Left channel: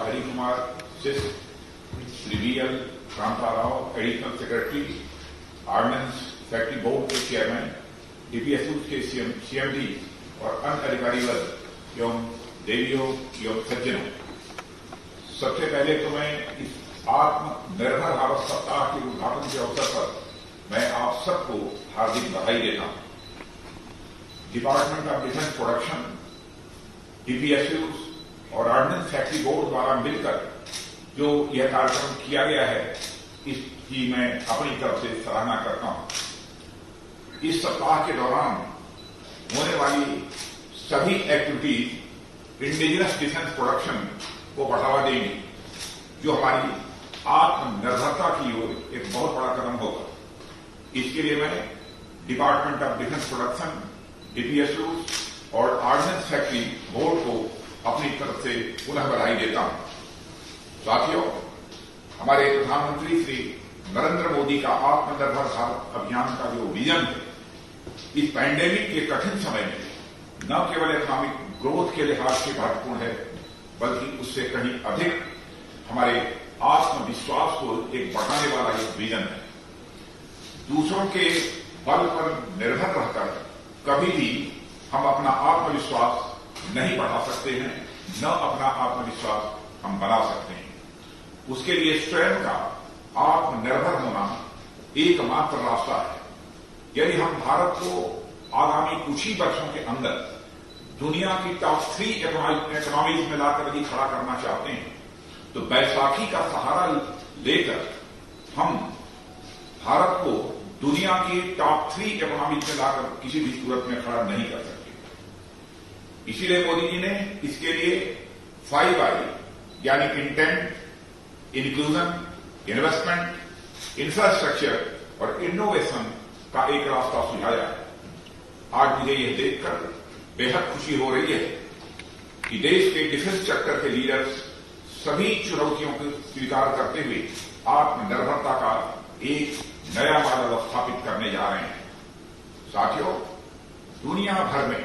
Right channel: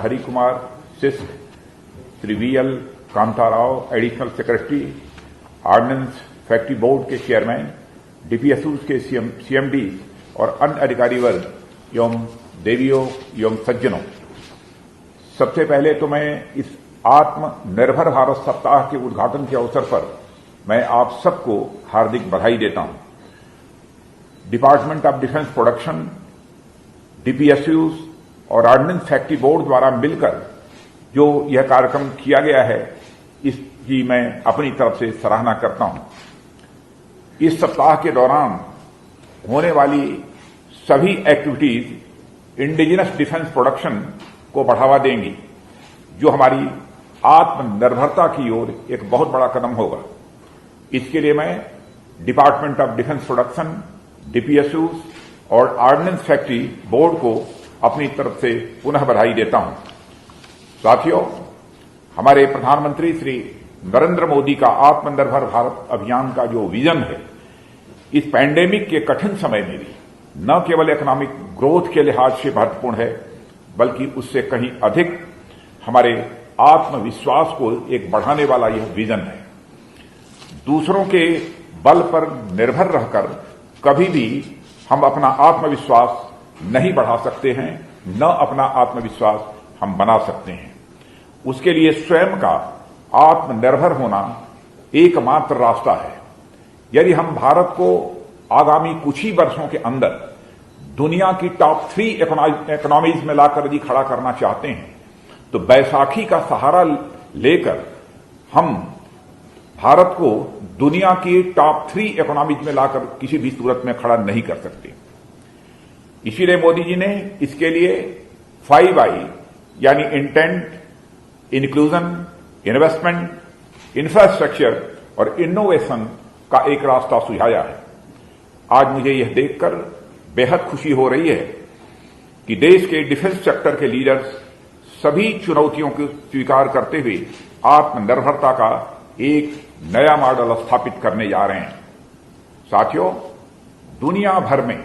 हरि कुमार सिस्क, Shri V L Kanta Rao, additional secretary, ordnance factory board के chairman, DPSU के सीएमडी और अन्य अधिकारी वर्ग एवं देवियों एवं सज्जनों, सबसे पहले तो मैं इस आत्मनिर्भर भारत सप्ताह के उद्घाटन के अवसर पर मैं आप सबको हार्दिक बधाई देता हूं। Department of defence production, DPSU और ऑर्डिनेंस फैक्ट्री बोर्ड द्वारा मिलकर जो यह कार्यक्रम किया गया है, इसकी मैं अपनी तरफ से सराहना करता हूं। इस सप्ताह के दौरान होने वाली सभी एक्टिविटीज इंडिजिनस डिफेंस प्रोडक्शन को बढ़ावा देंगी, जो हमारी आत्मनिर्भरता की ओर एक बहुत बड़ा कदम होगा। इसके लिए मैं department of defence production, DPSU और ऑर्डिनेंस फैक्ट्री बोर्ड को अपनी तरफ से पुनः बधाई देता हूं। साथियों, हमारे प्रधानमंत्री श्री नरेंद्र मोदी का आत्मनिर्भर भारत अभियान का जो विजन है, इस पैंडेमिक के कठिन समय में न केवल इकोनॉमिक ग्रोथ के लिहाज से महत्वपूर्ण है, बल्कि उससे कहीं अधिक हमारे आत्मविश्वास को एक बढ़ाने वाला यह विजन है। दूसरों के बल पर निर्भर रहकर कभी भी हम अपना आत्मविश्वास नहीं बढ़ा सकते हैं, न अपना आत्मविश्वास हम बना सकते हैं। उसके लिए स्वयं का आत्मनिर्भर होना एकमात्र रास्ता है। यदि हम भारत को आगामी कुछ ही वर्षों के अंदर दुनिया की टॉप 3 इकोनॉमीज में लाकर यदि खड़ा करना चाहते हैं, तो बैसाखी का सहारा लेकर हम भारत को दुनिया की टॉप 3 इकोनॉमीज में लाकर किसी भी सूरत में खड़ा नहीं कर सकते। इसीलिए मोदी जी ने इसके लिए 5I यानी इंटेंट, इंक्लूजन, इन्वेस्टमेंट, इंफ्रास्ट्रक्चर और इनोवेशन का एक रास्ता सुझाया है। आज मुझे यह देखकर बेहद खुशी हो रही है कि देश के डिफेंस सेक्टर के लीडर्स सभी चुनौतियों को स्वीकार करते हुए आत्मनिर्भरता का एक नया मॉडल स्थापित करने जा रहे हैं। साथियों, दुनिया भर में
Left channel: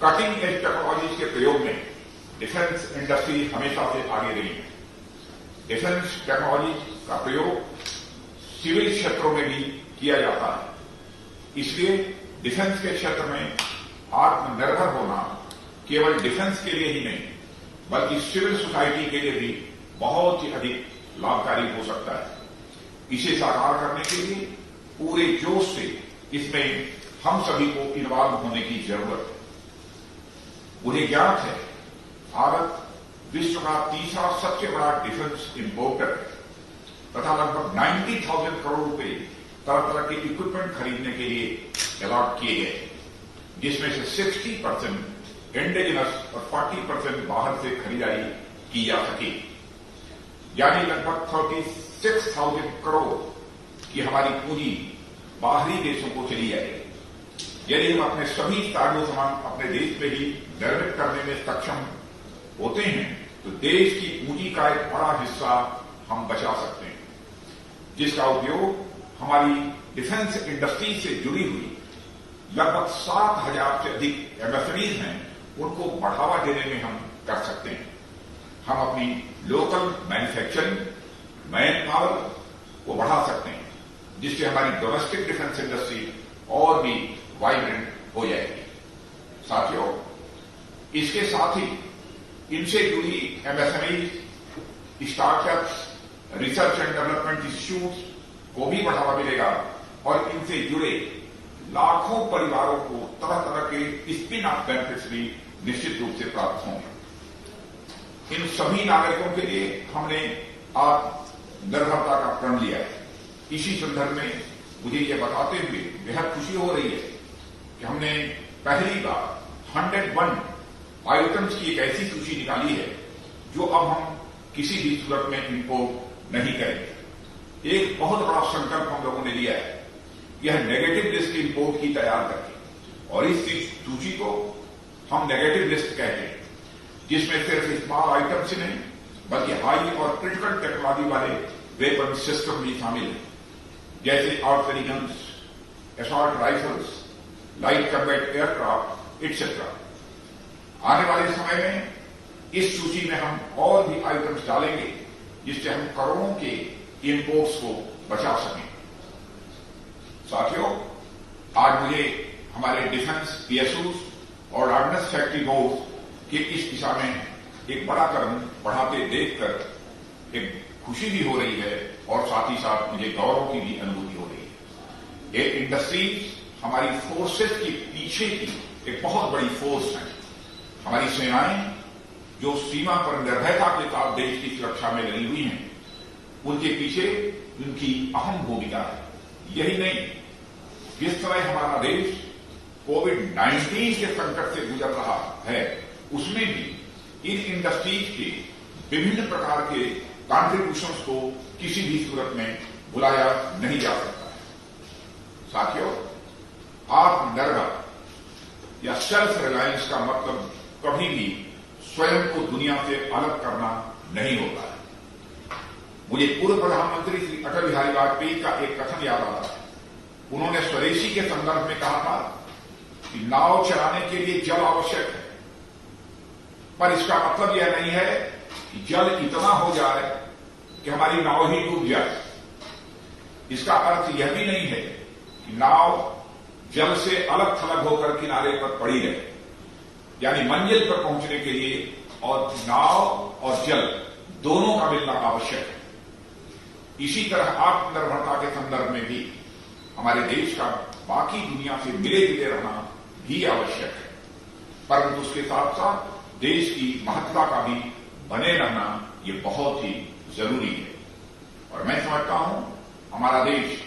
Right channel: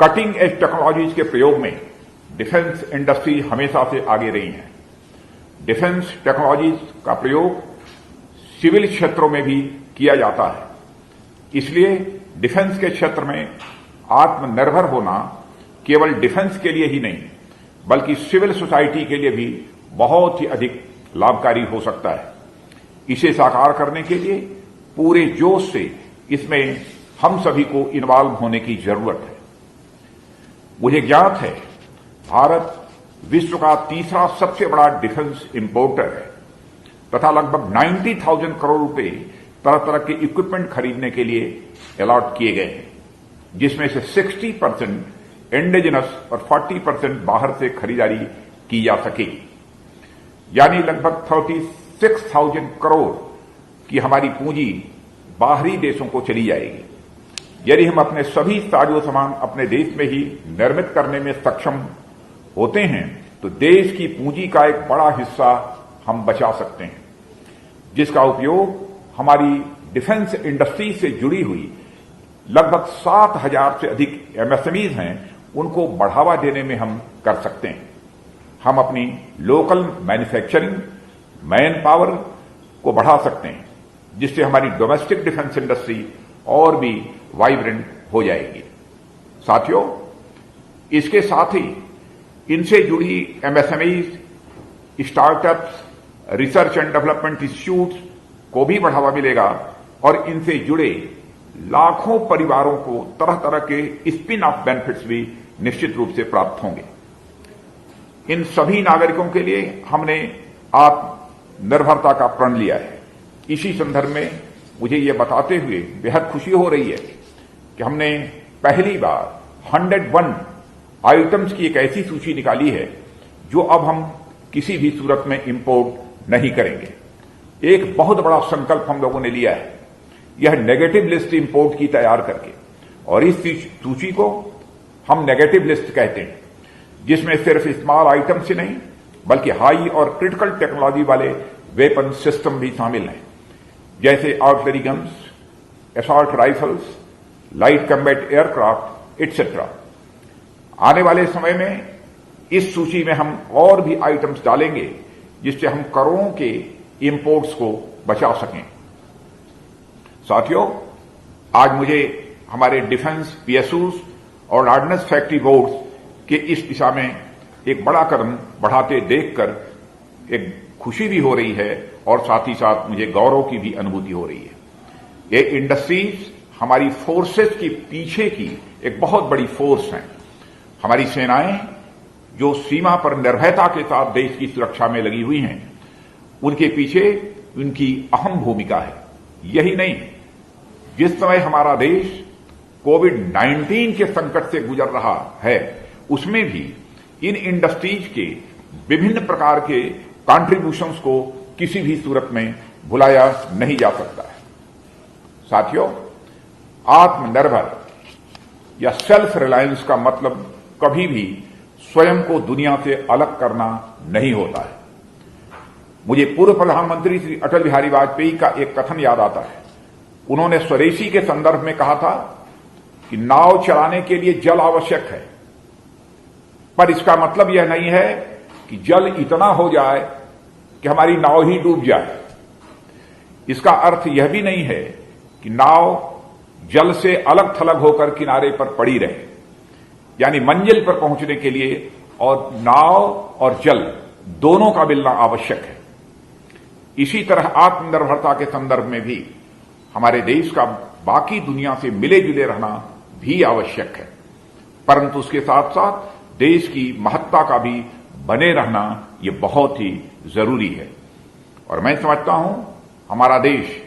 कटिंग एज टेक्नोलॉजीज के प्रयोग में डिफेंस इंडस्ट्री हमेशा से आगे रही है। डिफेंस टेक्नोलॉजीज का प्रयोग सिविल क्षेत्रों में भी किया जाता है। इसलिए डिफेंस के क्षेत्र में आत्मनिर्भर होना केवल डिफेंस के लिए ही नहीं, बल्कि सिविल सोसाइटी के लिए भी बहुत ही अधिक लाभकारी हो सकता है। इसे साकार करने के लिए पूरे जोश से इसमें हम सभी को इन्वॉल्व होने की जरूरत है। मुझे ज्ञात है, भारत विश्व का तीसरा सबसे बड़ा डिफेंस इंपोर्टर है तथा लगभग 90,000 करोड़ रुपए तरह तरह के इक्विपमेंट खरीदने के लिए अलॉट किए गए हैं, जिसमें से 60% इंडिजिनस और 40% बाहर से खरीदारी की जा सके। यानी लगभग 36,000 करोड़ की हमारी पूंजी बाहरी देशों को चली जाएगी। यदि हम अपने सभी साजो सामान अपने देश में ही निर्मित करने में सक्षम होते हैं, तो देश की पूंजी का एक बड़ा हिस्सा हम बचा सकते हैं, जिसका उपयोग हमारी डिफेंस इंडस्ट्री से जुड़ी हुई लगभग 7,000 से अधिक एमएसएमईज हैं, उनको बढ़ावा देने में हम कर सकते हैं। हम अपनी लोकल मैन्युफैक्चरिंग, मैन पावर को बढ़ा सकते हैं, जिससे हमारी डोमेस्टिक डिफेंस इंडस्ट्री और भी वाइब्रेंट हो जाएगी। साथियों, इसके साथ ही इनसे जुड़ी MSME, startups, research and development institutes को भी बढ़ावा मिलेगा और इनसे जुड़े लाखों परिवारों को तरह तरह के स्पिन ऑफ बेनिफिट्स भी निश्चित रूप से प्राप्त होंगे। इन सभी नागरिकों के लिए हमने आत्मनिर्भरता का प्रण लिया है। इसी संदर्भ में मुझे ये बताते हुए बेहद खुशी हो रही है कि हमने पहली बार 101 आइटम्स की एक ऐसी सूची निकाली है जो अब हम किसी भी सूरत में इंपोर्ट नहीं करेंगे। एक बहुत बड़ा संकल्प हम लोगों ने लिया है, यह नेगेटिव लिस्ट इंपोर्ट की तैयार करके, और इस सूची को हम नेगेटिव लिस्ट कहते हैं, जिसमें सिर्फ स्मॉल आइटम्स ही नहीं बल्कि हाई और क्रिटिकल टेक्नोलॉजी वाले वेपन सिस्टम भी शामिल हैं, जैसे artillery guns, assault rifles, light combat aircraft etcetera. आने वाले समय में इस सूची में हम और भी आइटम्स डालेंगे जिससे हम करोड़ों के इंपोर्ट्स को बचा सकें। साथियों, आज मुझे हमारे डिफेंस पीएसयूज और ऑर्डिनेंस फैक्ट्री बोर्ड के इस दिशा में एक बड़ा कदम बढ़ाते देखकर एक खुशी भी हो रही है और साथ ही साथ मुझे गौरव की भी अनुभूति हो रही है। ये इंडस्ट्रीज हमारी फोर्सेस की पीछे की एक बहुत बड़ी फोर्स है। हमारी सेनाएं जो सीमा पर निर्भयता के साथ देश की सुरक्षा में लगी हुई हैं, उनके पीछे उनकी अहम भूमिका है। यही नहीं, जिस समय हमारा देश कोविड-19 के संकट से गुजर रहा है, उसमें भी इन इंडस्ट्रीज के विभिन्न प्रकार के कॉन्ट्रीब्यूशंस को किसी भी सूरत में भुलाया नहीं जा सकता है। साथियों, आत्मनिर्भर या सेल्फ रिलायंस का मतलब कभी भी स्वयं को दुनिया से अलग करना नहीं होता है। मुझे पूर्व प्रधानमंत्री श्री अटल बिहारी वाजपेयी का एक कथन याद आता है। उन्होंने स्वदेशी के संदर्भ में कहा था कि नाव चलाने के लिए जल आवश्यक है, पर इसका मतलब यह नहीं है कि जल इतना हो जाए कि हमारी नाव ही डूब जाए। इसका अर्थ यह भी नहीं है कि नाव जल से अलग थलग होकर किनारे पर पड़ी रहे, यानी मंजिल पर पहुंचने के लिए और नाव और जल दोनों का मिलना आवश्यक है। इसी तरह आत्मनिर्भरता के संदर्भ में भी हमारे देश का बाकी दुनिया से मिले जुले रहना भी आवश्यक है, परंतु उसके साथ साथ देश की महत्ता का भी बने रहना यह बहुत ही जरूरी है। और मैं समझता हूं हमारा देश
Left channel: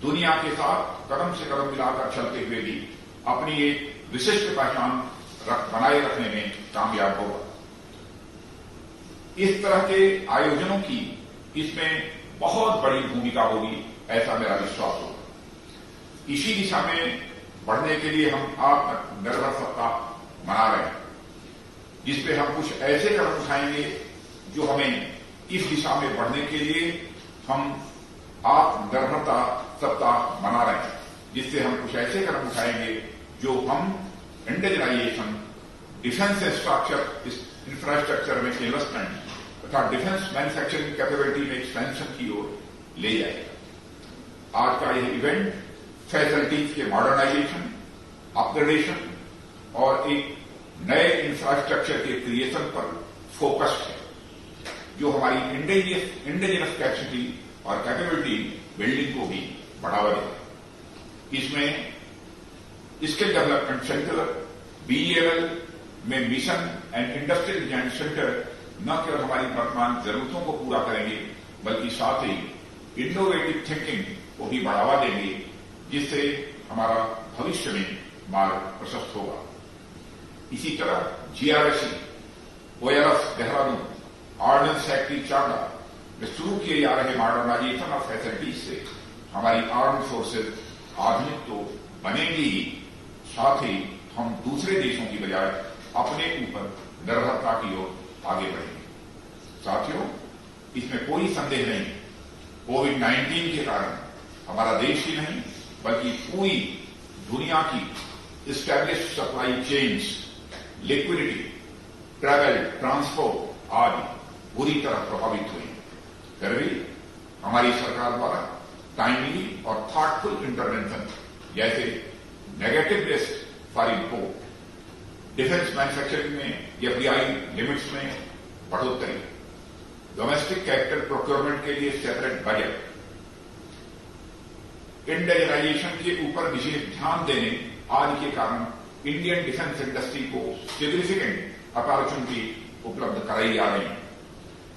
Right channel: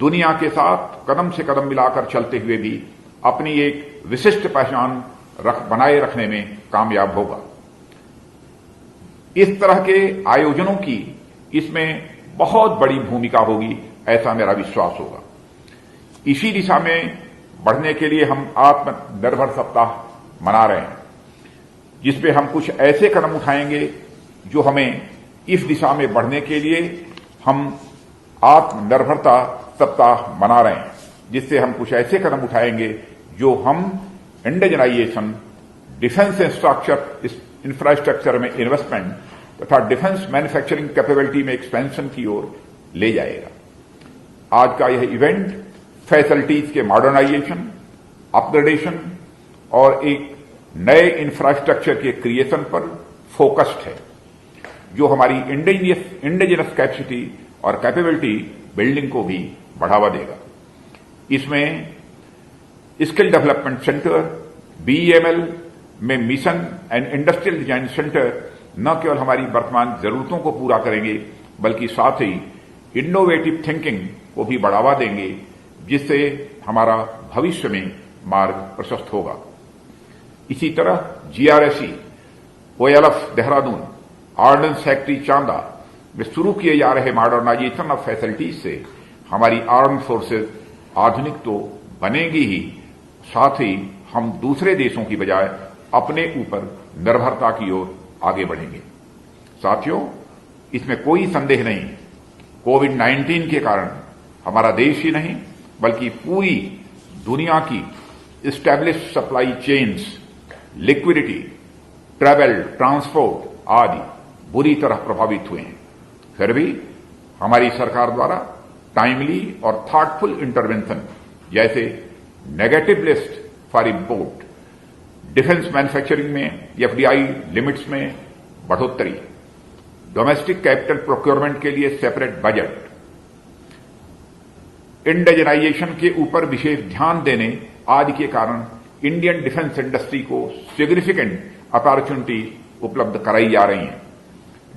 दुनिया के साथ कदम से कदम मिलाकर चलते हुए भी अपनी एक विशिष्ट पहचान बनाए रखने में कामयाब होगा। इस तरह के आयोजनों की इसमें बहुत बड़ी भूमिका होगी, ऐसा मेरा विश्वास होगा। इसी दिशा में बढ़ने के लिए हम आत्मनिर्भर सप्ताह मना रहे हैं, जिसपे हम कुछ ऐसे कदम उठाएंगे जो हमें इस दिशा में बढ़ने के लिए हम आत्मनिर्भरता सप्ताह मना रहे हैं, जिससे हम कुछ ऐसे कदम उठाएंगे जो हम इंडिजनाइजेशन, डिफेंस इंफ्रास्ट्रक्चर में इन्वेस्टमेंट तथा डिफेंस मैन्युफैक्चरिंग कैपेबिलिटी में एक्सपेंशन की ओर ले जाएगा। आज का यह इवेंट फैसिलिटीज के मॉडर्नाइजेशन, अपग्रेडेशन और एक नए इंफ्रास्ट्रक्चर के क्रिएशन पर फोकस्ड है, जो हमारी इंडिजिनस कैपेसिटी और कैपेबिलिटी बिल्डिंग को भी बढ़ावा देगा। इसमें स्किल डेवलपमेंट सेंटर, बीईएमएल में mission and industrial design centre न केवल हमारी वर्तमान जरूरतों को पूरा करेंगे, बल्कि साथ ही इनोवेटिव थिंकिंग को भी बढ़ावा देंगे, जिससे हमारा भविष्य में मार्ग प्रशस्त होगा। इसी तरह GRSE, OLF Dehradun, ordnance factory चांदा में शुरू किए जा रहे मॉडर्नाइजेशन ऑफ फैसिलिटीज से हमारी आर्म्ड फोर्सेज आधुनिक तो बनेंगी ही, साथ ही हम दूसरे देशों की बजाय अपने ऊपर निर्भरता की ओर आगे बढ़ेंगे। साथियों, इसमें कोई संदेह नहीं, कोविड-19 के कारण हमारा देश ही नहीं बल्कि पूरी दुनिया की established supply chains, liquidity, travel, transport आदि बुरी तरह प्रभावित हुए हैं। फिर भी हमारी सरकार द्वारा टाइमली और थॉटफुल इंटरवेंशन जैसे negative list for import, defence manufacturing में एफडीआई लिमिट्स में बढ़ोतरी, डोमेस्टिक कैपिटल प्रोक्योरमेंट के लिए सेपरेट बजट, इंडिजनाइजेशन के ऊपर विशेष ध्यान देने आदि के कारण इंडियन डिफेंस इंडस्ट्री को सिग्निफिकेंट अपॉर्चुनिटी उपलब्ध कराई जा रही है।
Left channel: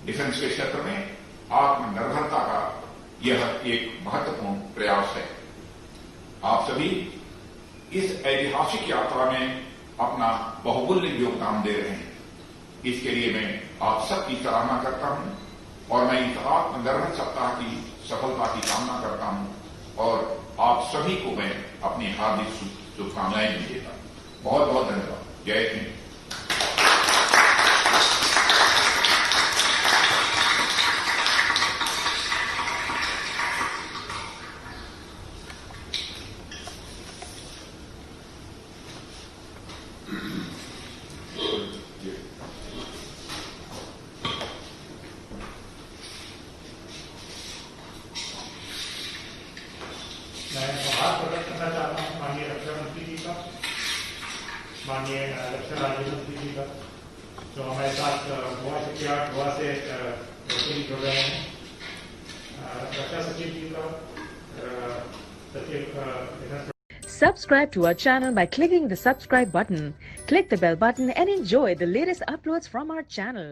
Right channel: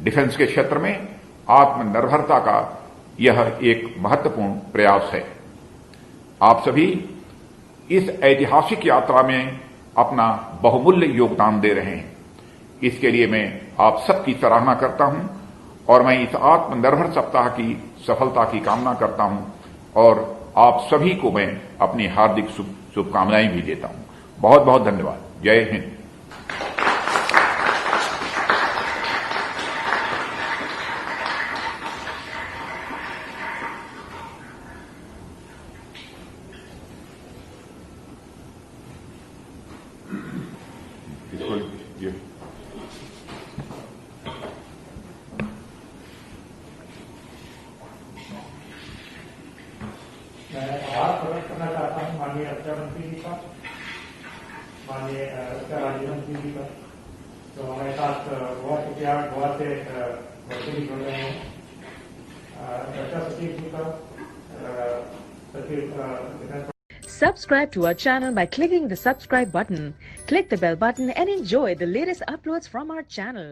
डिफेंस के क्षेत्र में आत्मनिर्भरता का यह एक महत्वपूर्ण प्रयास है। आप सभी इस ऐतिहासिक यात्रा में अपना बहुमूल्य योगदान दे रहे हैं। इसके लिए मैं आप सबकी सराहना करता हूं और मैं इस आत्मनिर्भर सप्ताह की सफलता की कामना करता हूं और आप सभी को मैं अपनी हार्दिक शुभकामनाएं भी देता हूं। बहुत बहुत धन्यवाद। जय हिंद। माननीय रक्षा राज्य मंत्री जी का, तो हमारे साथ गोवा से भी जुड़ रहे हैं, रक्षा सचिव जी का, सचिव। Subscribe to our channel by clicking the subscribe button. Click the bell button and enjoy the latest uploads from our channel.